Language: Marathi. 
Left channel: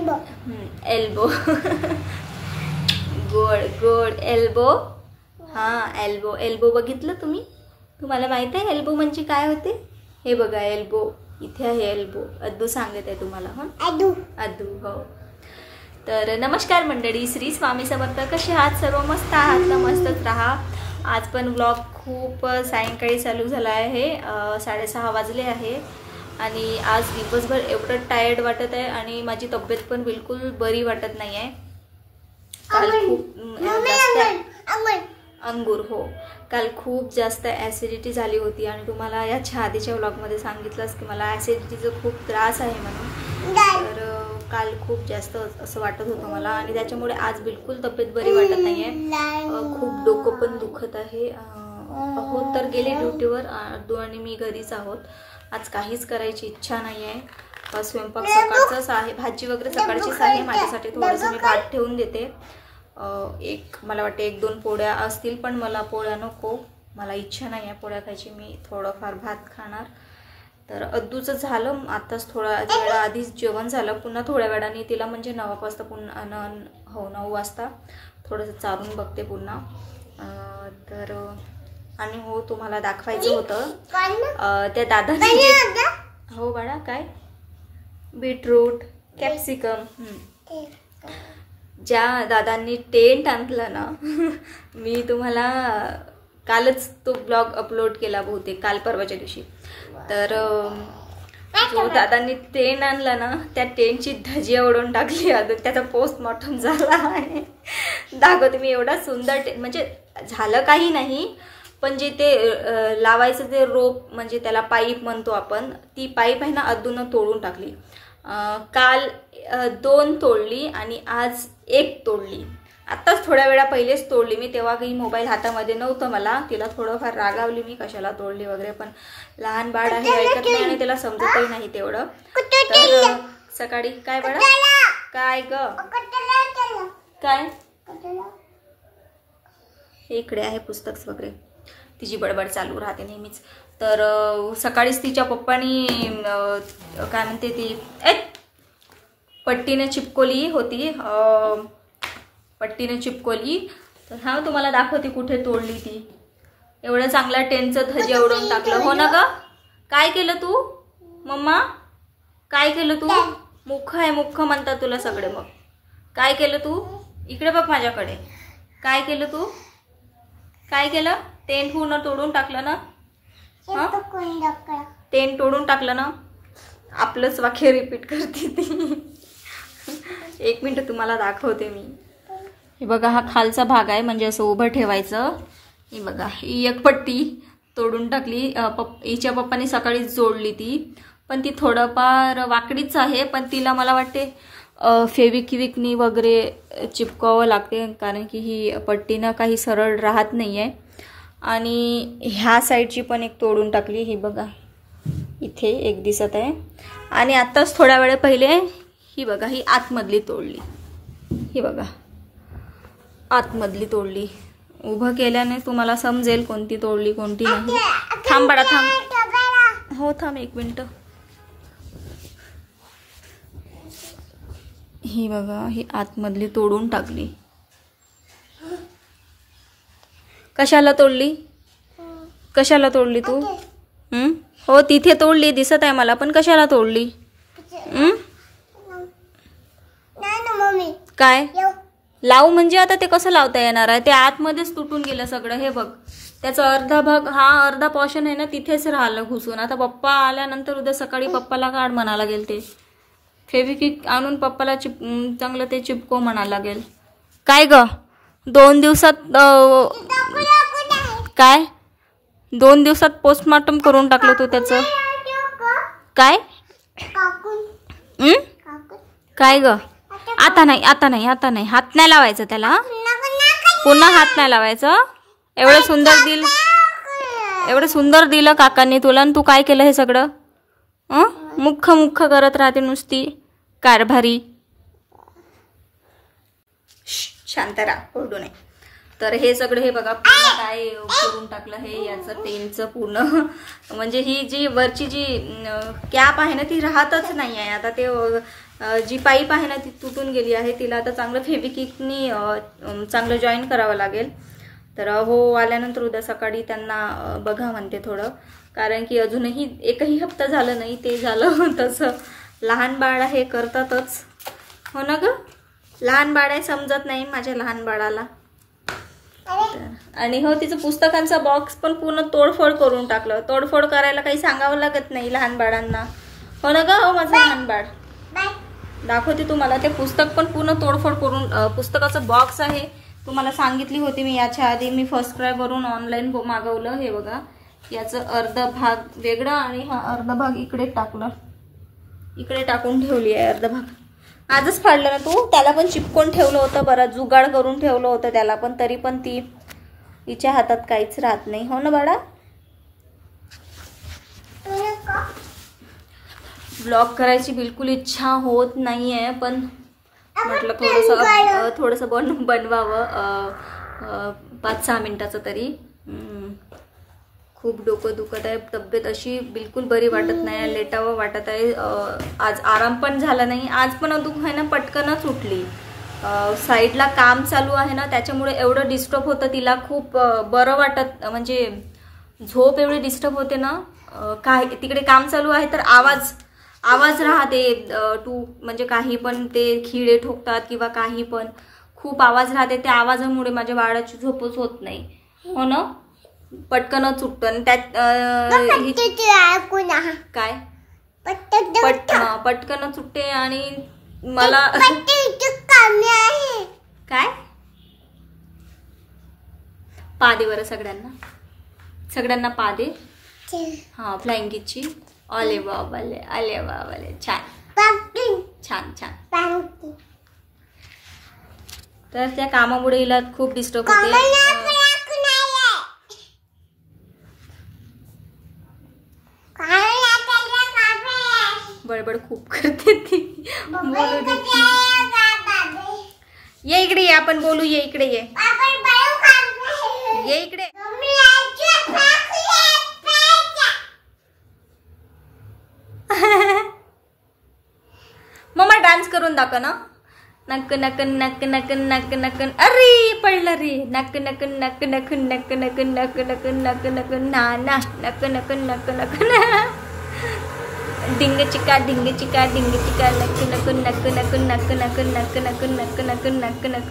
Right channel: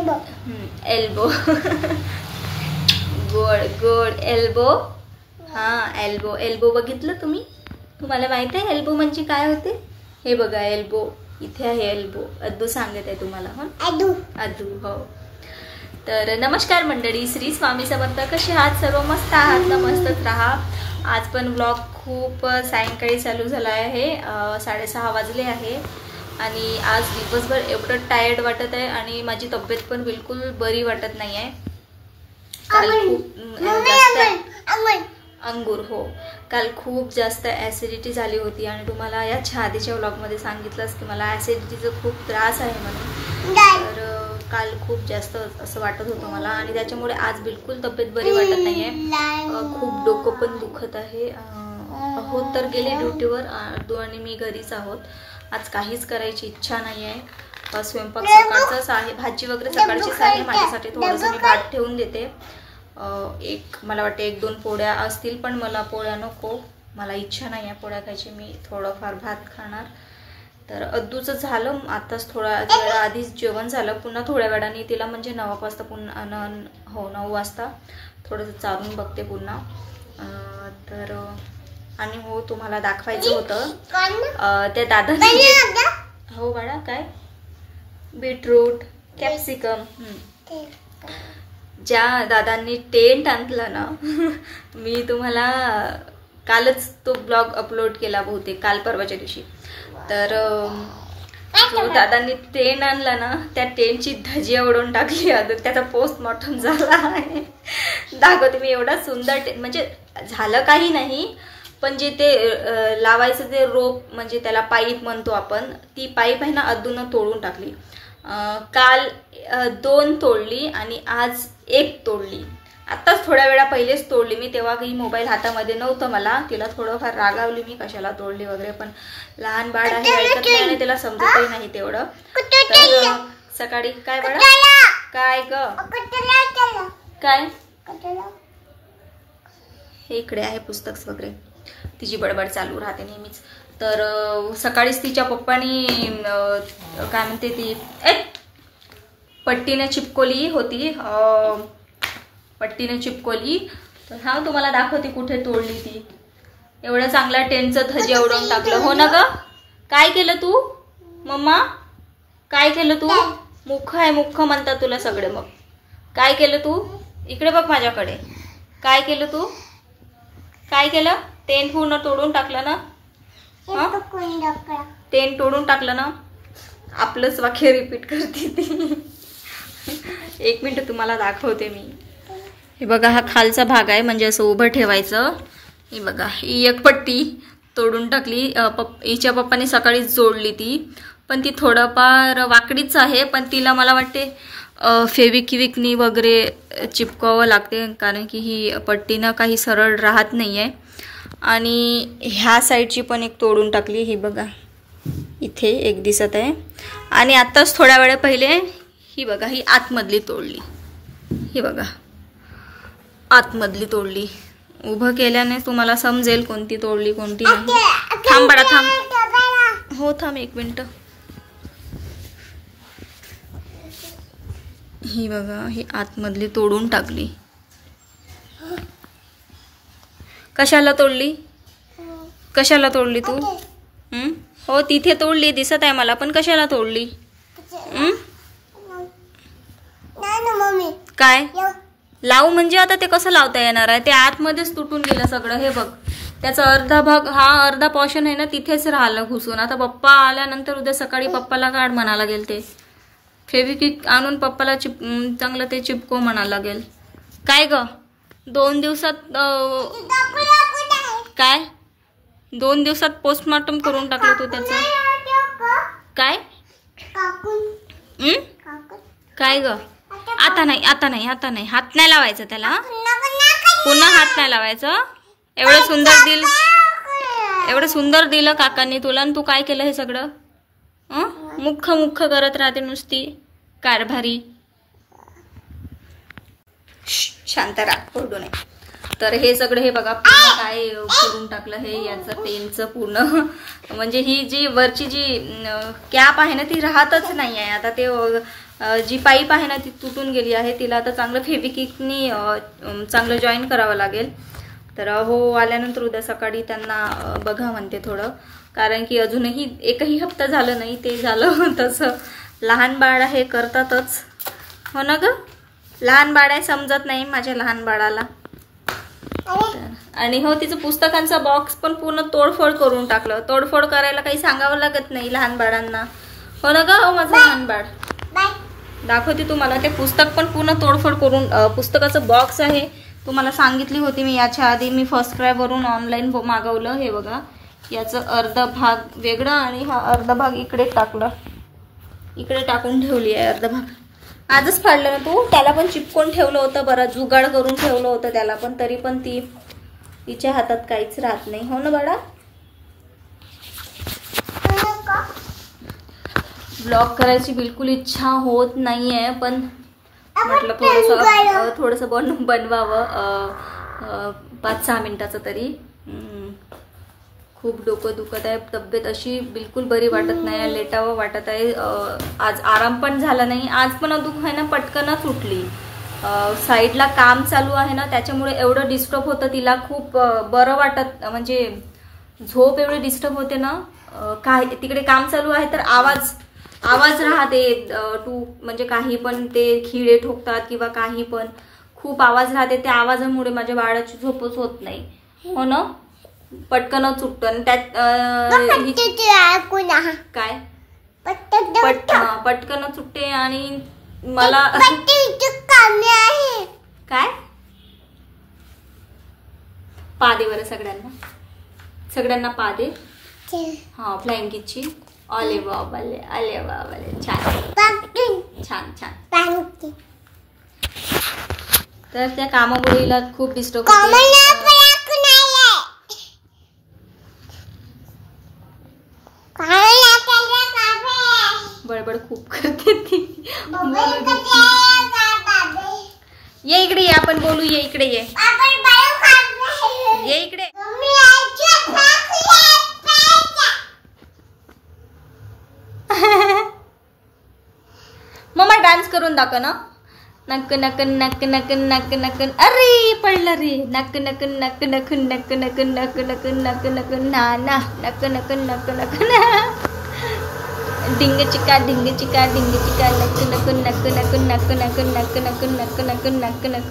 एल्बो गोड गोड एल्बो. हां एल्बो. एल्बो बघितलं तुम्ही? तुम्हाला माहिती आहे एल्बो म्हणजे काय होते? हे बघा एल्बो इथे आहे. एल्बो अद्दू सांगत आहे तुम्हाला. हो अद्दू. हो. तर नमस्कार मंडळी, श्री स्वामी समर्थ. कसे आहात सर्व? मस्त आहात ना? मस्तच राहा. आज पण व्लॉग खूप सायंकाळी चालू झाला आहे. 6:30 वाजले आहे आणि आज दिवसभर एवढं टायर्ड वाटत आहे आणि माझी तब्येत पण बिलकुल बरी वाटत नाही आहे. काल खूप जास्त अंगूर. हो काल खूप जास्त ॲसिडिटी झाली होती आणि तुम्हाला याच्या आधीच्या व्लॉगमध्ये सांगितलंच की मला ॲसिडिटीचा खूप त्रास आहे म्हणून. तर काल खूप जास्त असं वाटत होतं मला आणि त्याच्यामुळे आज बिलकुल तब्येत बरी वाटत नाही आहे. खूप डोकं पण दुखत आहे. हो तर गेले ड्युटीवर. अद्दू आणि मी घरीच आहोत. आज काहीच करायची इच्छा नाही आहे. स्वयंपाक सकाळचाच आहे. भाजी वगैरे सकाळचीच आहे. माझ्यासाठी थोडंसं मी भात ठेवून देते. मला वाटते 1-2 पोळ्या असतील, पण मला पोळ्या नको. मला इच्छा नाही आहे पोळ्या खायची. मी थोडंफार भात खाणार. तर अद्दूचं झालं आताच. थोड्या वेळा आधीच जेवण झालं. पुन्हा थोड्या वेळाने तिला म्हणजे 9 वाजता पुन्हा 9 वाजता थोडंसं चालून बघते पुन्हा. तर आणि हो तुम्हाला दाखवायचं होतं त्या दादाने. हो बाळा काय? Beetroot capsicum. ज्या दादांनी टेंट आणलं ना मी तुम्हाला कालच तो ब्लॉग अपलोड केला बहुतेक, काल परवाच्या दिवशी. तर जो दादांनी टेंट आणला ना त्या टेंटची धजिया उडवून टाकली. त्याचा पोस्टमॉर्टम झाला आहे. दाखवते मी. एवढा सुंदर टेंट म्हणजे झालं काही नाही, पण जे ते लावायचं ते रोप म्हणजे त्याला पाईप म्हणतो आपण, ती पाईप आहे ना अद्दूनं तोडून टाकली. काल 2 तोडली आणि आज 1 तोडली. आत्ताच थोड्या वेळा पहिलेच तोडली मी. तेव्हा काही मोबाईल हातामध्ये नव्हतं मला. तिला थोडंफार रागावली मी कशाला तोडली वगैरे, पण लहान बाळ आहे ऐकत नाही आणि त्याला समजतही नाही तेवढं. तर सकाळी काय बाळा? काय ग? काय? हे इकडे आहे पुस्तक वगैरे. तिची बडबड चालू राहते नेहमीच. तर सकाळीच तिच्या पप्पानी काय म्हणते ती पट्टीने चिपकोली होती. पट्टीने चिपकोली. तर हा तुम्हाला दाखवते कुठे तोडली ती. एवढं चांगला टेंटचं धजे उडवून टाकलं. हो ना ग? काय केलं तू मम्मा? काय केलं तू? मुख्ख आहे मुख्ख म्हणतात तुला सगळे. मग काय केलं तू? इकडे बघ माझ्याकडे. काय केलं तू? काय केलं? टेंट पूर्ण तोडून टाकलं ना? टेंट तोडून टाकलं ना? आपलंच वाक्य रिपीट करते ती. 1 मिनिट तुम्हाला दाखवते मी. हे बघा हा खालचा भाग आहे म्हणजे असं उभं ठेवायचं. हे बघा ही एक पट्टी तोडून टाकली. हिच्या पप्पाने सकाळीच जोडली ती, पण ती थोडंफार वाकडीच आहे. पण तिला मला वाटते फेविक्विकनी वगैरे चिपकावं लागते, कारण की ही पट्टीनं काही सरळ राहत नाही आहे. आणि ह्या साईडची पण एक तोडून टाकली. ही बघा इथे एक दिसत आहे. आणि आत्ताच थोड्या वेळ पहिले ही बघा ही आतमधली तोडली. ही बघा आतमधली तोडली. उभं केल्याने तुम्हाला समजेल कोणती तोडली कोणती नाही. थांब बाळा थांब. हो थांब 1 मिनिट. ही बघा ही आतमधली तोडून टाकली. कशाला तोडली? कशाला तोडली तू? हो तिथे तोडली दिसत आहे मला, पण कशाला तोडली? काय लावू म्हणजे आता ते कसं लावता येणार आहे? ते आतमध्येच तुटून गेलं सगळं. हे बघ त्याचा अर्धा भाग, हा अर्धा पोर्शन आहे ना तिथेच राहिलं घुसून. आता पप्पा आल्यानंतर उद्या सकाळी पप्पाला काढ म्हणा लागेल. ते फेविक्विक आणून पप्पाला चांगलं ते चिपको म्हणा लागेल. काय ग 2 दिवसात काय 2 दिवसात पोस्टमॉर्टम करून टाकलं तू त्याचं? काय काय ग? आता नाही आता नाही आता नाही. हात नाही लावायचं त्याला. पुन्हा हात नाही लावायचं. एवढं सुंदर दिलं काकांनी तुला आणि तू काय केलं हे सगळं? मुख्ख मुख्ख करत राहते नुसती कारभारी. शांत राहा ओरडू नये. तर हे सगळं हे बघा पूर्ण काय करून टाकलं. हे याचं टेंटचं पूर्ण म्हणजे ही जी वरची जी कॅप आहे ना ती राहतच नाही आहे. आता ते जी पाईप आहे ना ती तुटून गेली आहे, तिला आता चांगलं फेविक्विकनी चांगलं जॉईन करावं लागेल. तर हो आल्यानंतर उद्या सकाळी त्यांना बघा म्हणते थोडं, कारण की अजूनही एकही हप्ता झालं नाही. ते झालं तसं लहान बाळ आहे करतातच, हो ना ग. लहान बाळ आहे, समजत नाही माझ्या लहान बाळाला. आणि हो तिचं पुस्तकांचा बॉक्स पण पूर्ण तोडफोड करून टाकलं. तोडफोड करायला काही सांगावं लागत नाही लहान बाळांना, हो ना ग. हो माझं लहान बाळ, दाखवते तुम्हाला. ते पुस्तक पण पूर्ण तोडफोड करून, पुस्तकाचं बॉक्स आहे तुम्हाला सांगितली होती मी याच्या आधी. मी फर्स्ट क्रायवरून ऑनलाईन मागवलं. हे बघा, याचं अर्ध भाग वेगळा आणि हा अर्धा भाग इकडे टाकला, इकडे टाकून ठेवली आहे अर्धा भाग. आजच फाडलं ना तू. त्याला पण चिपकून ठेवलं होतं, बरं जुगाड करून ठेवलं होतं त्याला पण, तरी पण तिच्या हातात काहीच राहत नाही, हो ना बाळा. ब्लॉग करायची बिलकुल इच्छा होत नाहीये, पण म्हटलं थोडंसं बनवावं 5-6 मिनिटाचं तरी. खूप डोकं दुखत आहे, तब्येत अशी बिलकुल बरी वाटत नाही, लेटावं वाटत आहे. आज आराम पण झाला नाही. आज पण दुख आहे ना पटकनच उठली. साईडला काम चालू आहे ना, त्याच्यामुळे एवढं डिस्टर्ब होतं तिला. खूप बरं वाटत, म्हणजे झोप एवढी डिस्टर्ब होते ना. काय तिकडे काम चालू आहे तर आवाज राहते. म्हणजे काही पण ते खिळे ठोकतात किंवा काही पण खूप आवाज राहते. त्या आवाजामुळे माझ्या बाळाची झोपच होत नाही, हो ना. पटकनच उठतो आणि त्यात काय पटकनच उठते. आणि मला काय पादे बरं सगळ्यांना पादे. हा फ्लँकीची. अले बाबाले, अले बाबाले, छान छान छान. तर त्या कामामुळे हिला खूप डिस्टर्ब होते. बडबड खूप करते ती. ये इकडे ये, आपण बोलू. ये इकडे ये, ये इकडे. मम्मा डान्स करून दाखव ना. नक नक नक नक नक नक. अरे पडलं रे. नक नक नक नक नक नक नक नक नक नक ना ना नक नक नक नक ना. डिंग चिका डिंग चिका डिंग चिका नक नक नक नक नक नक नक नक नक नक नक नक.